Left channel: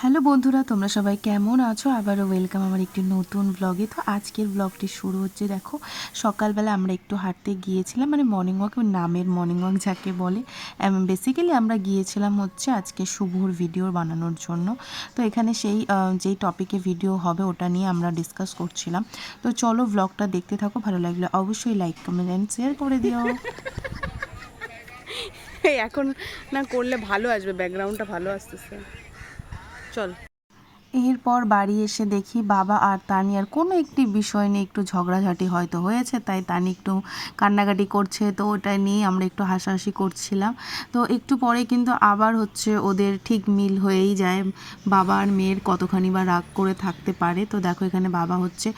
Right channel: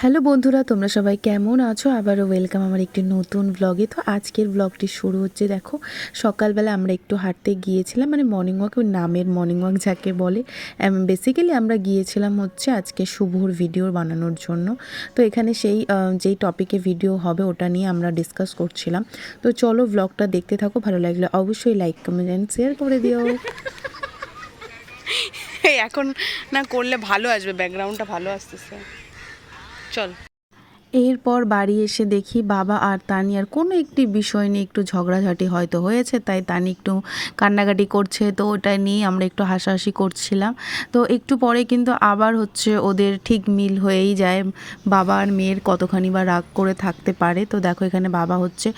Hello বন্ধুরা, তোমরা সবাই কেমন আছো? আবারও ওয়েলকাম আমার একটি নতুন ব্লগে। তো আজকের ব্লগটি শুরু হচ্ছে, দেখো সকালবেলা আমরা একটু হাঁটতে গিয়েছিলাম, মানে মর্নিং ওয়াক, নামের মর্নিং ওয়াক যাকে বলে। বেসিক্যালি আমরা গিয়েছিলাম হচ্ছে আজকে শুভর ভিডিও বানানোর জন্য। তো এখানে সেই যেই টপিকে ভিডিও হবে ওটা নিয়ে আমরা ডিসকাস করছিলাম। তো চলো ব্লগটা দেখতে থাকো, ভালো লাগলে অবশ্যই লাইক কমেন্ট অ্যান্ড শেয়ার করে দিও। এখন না করলে ভালো আসবে, ব্যাকগ্রাউন্ডটা ভালো আসতেছে। চল। এরপর বাড়ি এসে দেখি বাবা আর তানিয়ার কোনো একটি বিষয় নিয়ে একটু ঝগড়াঝাটি হয়তো হয়েছে, তাই তানি একটু কান্নাকাটি করছে। তো ওটাই নিয়ে আমরা একটু হাসাহাসি করছিলাম। তো একটু পরে কিন্তু আবার হচ্ছে ওদের ঠিক মিল হয়েই যায়। বাবা আর মেয়ের কতখানি বা রাগ করে থাকতে পারে। তো দেখো এখানে বাবা হচ্ছে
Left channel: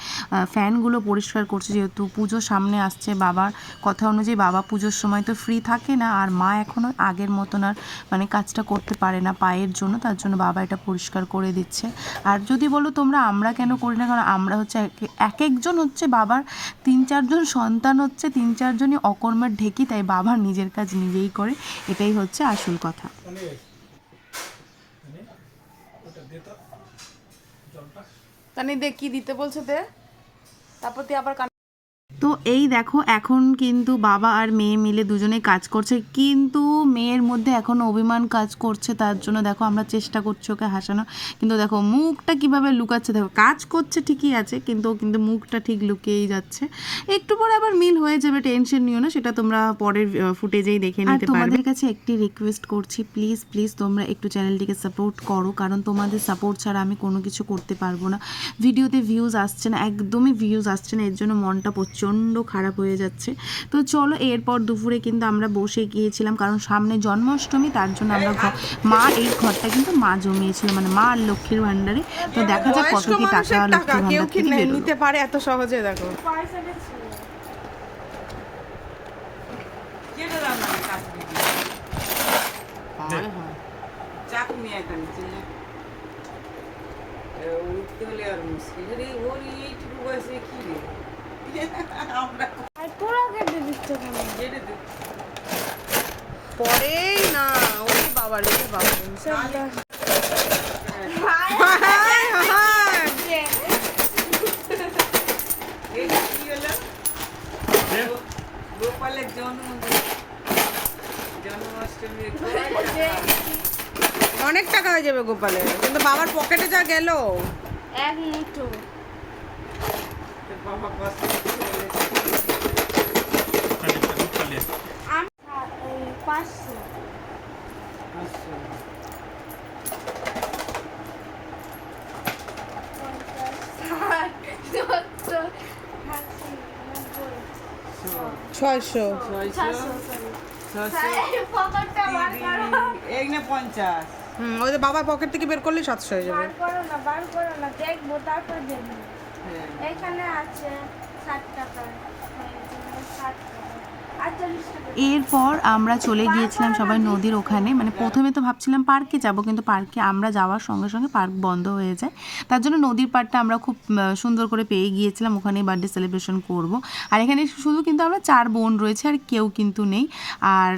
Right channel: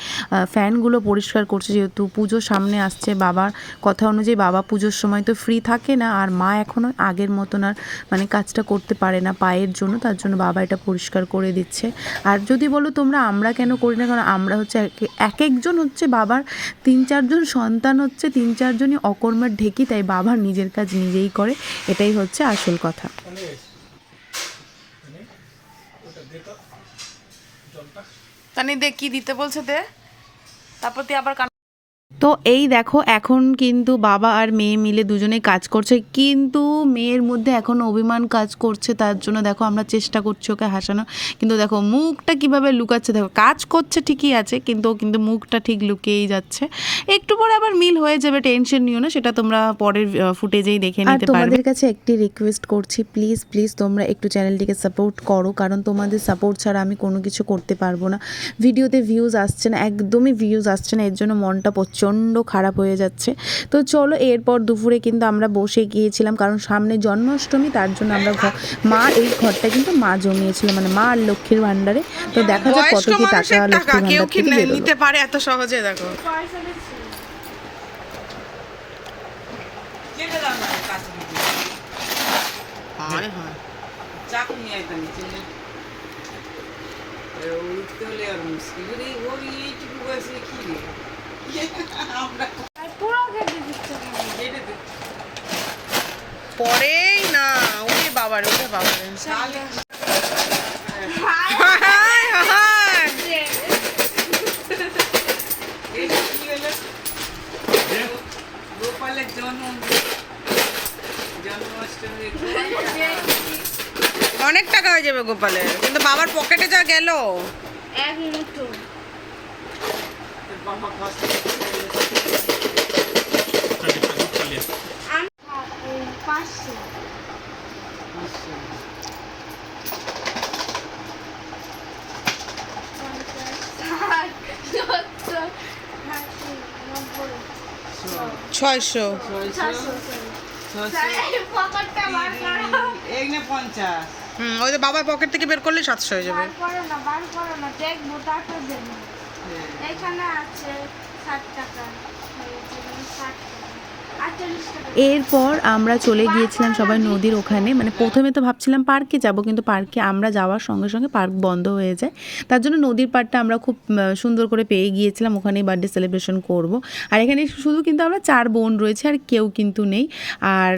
ফ্যানগুলো পরিষ্কার করছে, যেহেতু পুজো সামনে আসছে। বাবার কথা অনুযায়ী বাবা পুজোর সময় তো ফ্রি থাকে না, আর মা এখনও আগের মতন আর মানে কাজটা করতে পারে না পায়ের জন্য, তার জন্য বাবা এটা পরিষ্কার করে দিচ্ছে। আর যদি বলো তোমরা আমরা কেন করি না, কারণ আমরা হচ্ছে এক একজন হচ্ছে বাবার 3-4জন সন্তান, হচ্ছে 3-4জনই অকর্মের ঢেকি, তাই বাবা নিজের কাজ নিজেই করে, এটাই হচ্ছে আসল কথা। তানি দে, কি দিতে বলছে দে, তারপর তুই আবার তো এই দেখো এখন কিন্তু বাবা আর মেয়ে মিলে দুজনেই কাজ করছে, কিন্তু মেয়ের মধ্যে এখনও অভিমান কাজ করছে। তার জন্য দেখো আমরা চেষ্টা করছি ওকে হাসানো, কিন্তু দেখো মুখটা কিভাবে লুকাচ্ছে। দেখো কাজ করছে ঠিকই আছে, কিন্তু মুখটা ঠিক লুকিয়েই যাচ্ছে। একটু পরে আবার মিল হয়ে যাবে, টেনশন নিও না, সেটা তোমরা পরের ফুটেজেই দেখে নিতে পারবে। তোমাদের কাছে একটি রিকোয়েস্ট করছি, প্লিজ প্লিজ তোমরা একটু চ্যানেলটিকে সাপোর্ট করো, কারণ তোমাদের সাপোর্ট ছাড়া আমি কোনো কিছু করতে পারবো না। ভিডিওতে ভিউজ আসছে না, একদমই ভিউজ আসছে না, এর জন্য মনটা প্রচণ্ড খারাপ হয়ে যাচ্ছে। তো চলো, এরপর দুপুরে কিন্তু আমরা বসে গিয়েছিলাম, কারণ সামনে জন্মাষ্টমী, তার জন্য আমরা মা এই ঘরটা কিন্তু মা জমিয়েছিল, মানে মা আর লক্ষ্মীর ভাণ্ডারে। তো দেখা যাক কত কি টাকা লক্ষ্মীর কেউ ভাণ্ডার কি থেকে নিতে পারে এত সহজে। দেখো পরেই না, ওরে বাবারে, ওরে বাবারে। অনেক টাকা হয়ে যাবে গোপালের, কিন্তু বাবার পকেটে যা গেল। ছয়শো। ওই তো বাবার পকেট থেকে বের করলে 700 হয়ে যাবে। এরপর আমরা চলে গিয়েছিলাম সবাই নদীর ওখানে, মানে প্রথমে তো ভাবছিলাম পার্কে যাব, কিন্তু পার্কে আমরা যাওয়ার সঙ্গে সঙ্গে পার্ক বন্ধ হয়ে যায়। তার জন্য নদীর পাড়টা আমরা খুব সুন্দর করে পেয়ে গিয়েছিলাম, ওখানেই বার্থডে সেলিব্রেশন করব। আর এখানে শুধু কিন্তু আমরা 4 বোন রয়েছে, আর কেউ কিন্তু নেই। আর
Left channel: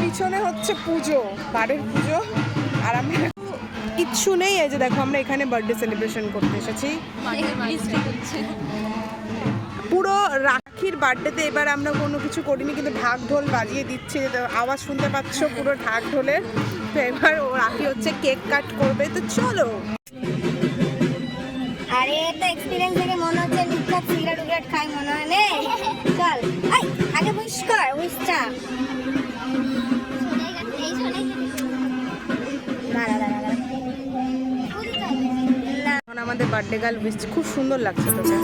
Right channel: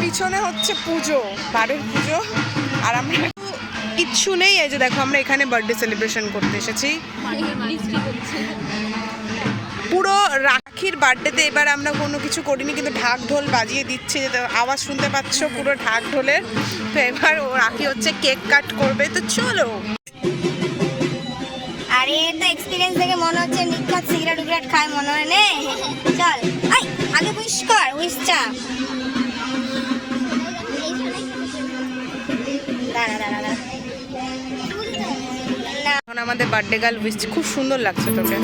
পিছনে হচ্ছে পুজো, বাড়ির পুজো, আর আমরা কিচ্ছু নেই। এই যে দেখো আমরা এখানে বার্থডে সেলিব্রেশন করতে এসেছি। পুরো রাখির বার্থডেতে এবার আমরা কোনো কিছু করিনি, কিন্তু ঢাক ঢোল বাজিয়ে দিচ্ছে, আওয়াজ শুনতে পাচ্ছ পুরো ঢাক ঢোলের। তো এবার ও রাখি হচ্ছে কেক কাট করবে, তো চলো। আরে তো এক্সপেরিয়েন্স দেখে মনে হচ্ছে লিপকাপ সিগারেট খায় মনে হয় নে। চল আই আগে উইশ কর, উইশ চা। এখন আমাদের বার্থডে গার্ল উইশ, খুব সুন্দর লাগছে তোকে।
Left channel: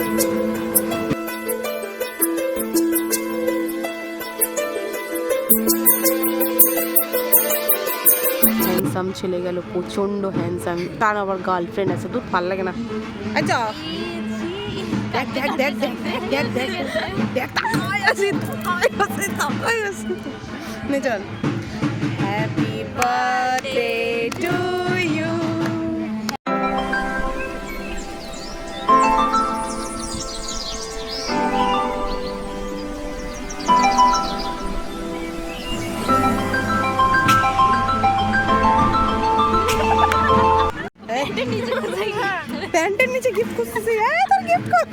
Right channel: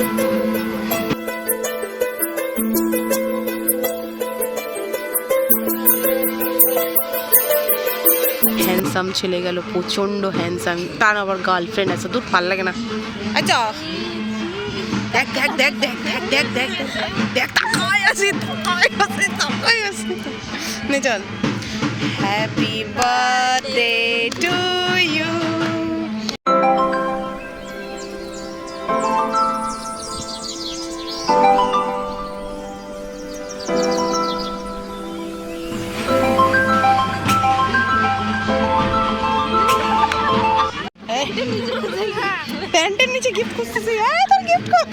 হ্যান্ডসাম ছেলে গেল, প্রচন্ড হ্যান্ডসাম, তার আবার গার্লফ্রেন্ড আছে, দূর ভাল লাগে না। আচ্ছা দেখ দেখ দেখ দেখ দেখ দেখ দেখ দেখ, তাকাই আছি তাকাই আছি তাকাই আছি। নে চল। Happy birthday to you. প্যান্টের নিচে গিফট খুঁজতেছি, তোর গিফট কই?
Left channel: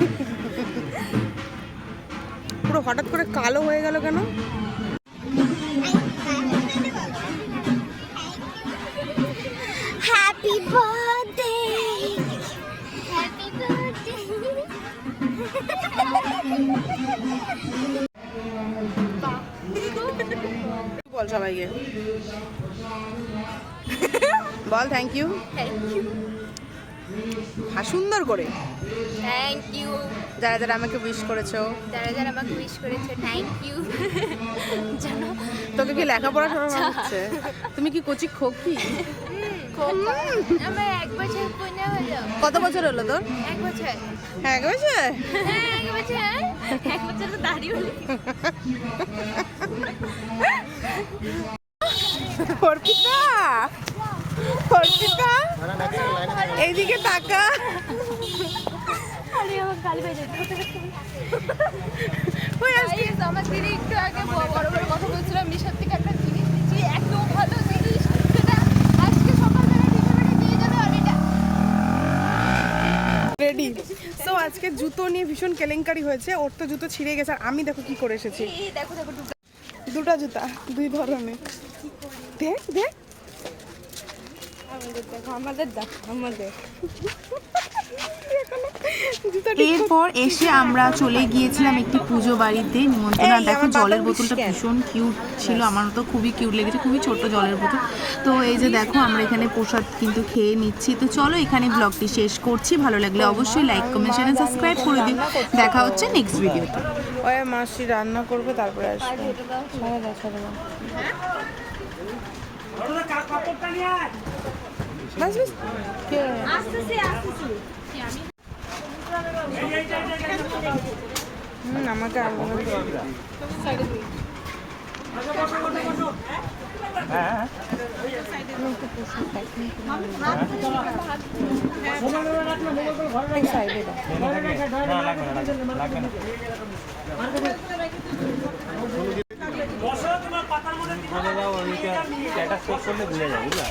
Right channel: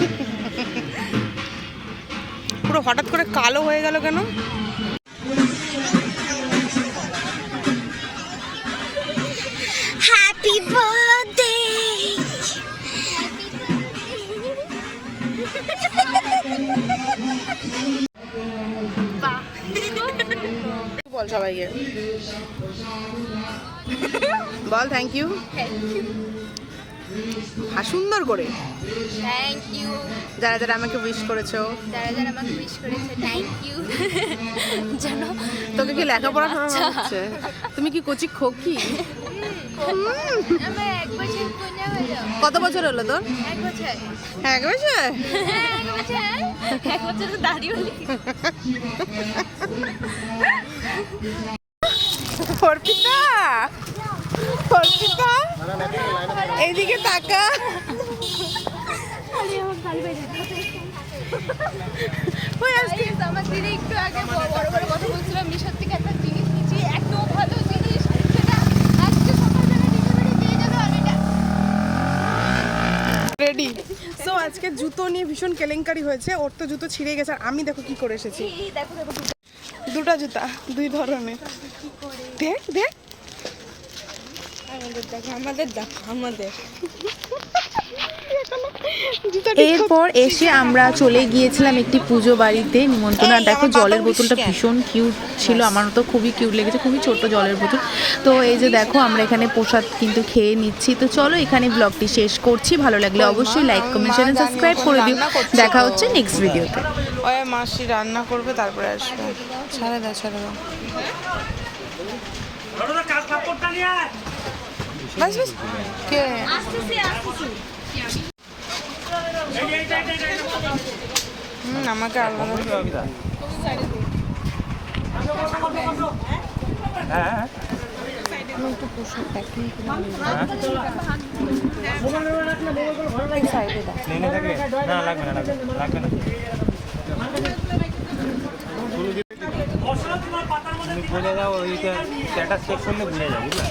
পুরো হঠাৎ করে কালো হয়ে গেল কেন? হ্যাপি বার্থডে বল সবাইকে, বল থ্যাংক ইউ। সুন্দর করে থ্যাংক ইউ যারা যারা আমাকে উইশ করেছো। যারা যারা আমাকে উইশ করেছে থ্যাংক ইউ জানো তোকে কি লেখাপড়া শোনানো হচ্ছে? তুমি কি কচি খোকি? আমার 1 বছর পূর্ণ হলো। কত বছর হলো তোর? 1 বছর। 1 বছর? হ্যাঁ 1 বছর। 1 বছর তো দাড়ি হলি। অর্পিতা, অর্পিতা এইদিকে তাকা। আরে আমার গালি বাজে। ওই আজকে আমার দিদি একটু আগে বড় বড় কথা বলছিলাম, মিশর থেকে একটা জিনিস নিচ্ছি, এত ভালো জিনিস, সেটা আজকে সকালবেলা ডেলিভারি দিয়ে যাবে আগেটা। রেডি। সো আজকে জুতো নিয়ে ভীষণ কেলেঙ্কারি হয়েছে। ওর তো জুতো ছিঁড়ে গেছে আর আমি দেখো কি করে এসেছি। এই দেখো দেখো দুটো জুতা, 2 ধরনের। দেখ দেখ আমাদের দেখো আমাদের এরপর এসে আমরা চলে গিয়েছিলাম একটি পুজো বাড়িতে নিমন্ত্রণ। আর দেখো জলের বোতলটা ভীষণ কিউট ছিল, আমার তো খুবই কিউট লেগেছে, খুবই ছোট জলের বোতল। তো এই যে দেখো আমরা এখানে প্রসাদ কিন্তু খেয়ে নিচ্ছি। তো চলো এখানে ব্লগটি শেষ করছি। ভালো লাগলে অবশ্যই লাইক কমেন্ট চ্যানেল সাবস্ক্রাইব করে দিই। দেখা হচ্ছে নেক্সট ভিডিওতে। ওই মাসি রান্না করবে তারপরে আসবে। ছেড়ে দাও ছেড়ে দাও। বাস বাস কে আমাকে আলাদা সাইডে দাও। বসো, তোমার পাতার মধ্যে স্ট্যাটাস চেক করলে বুঝা যায়, বুঝলা?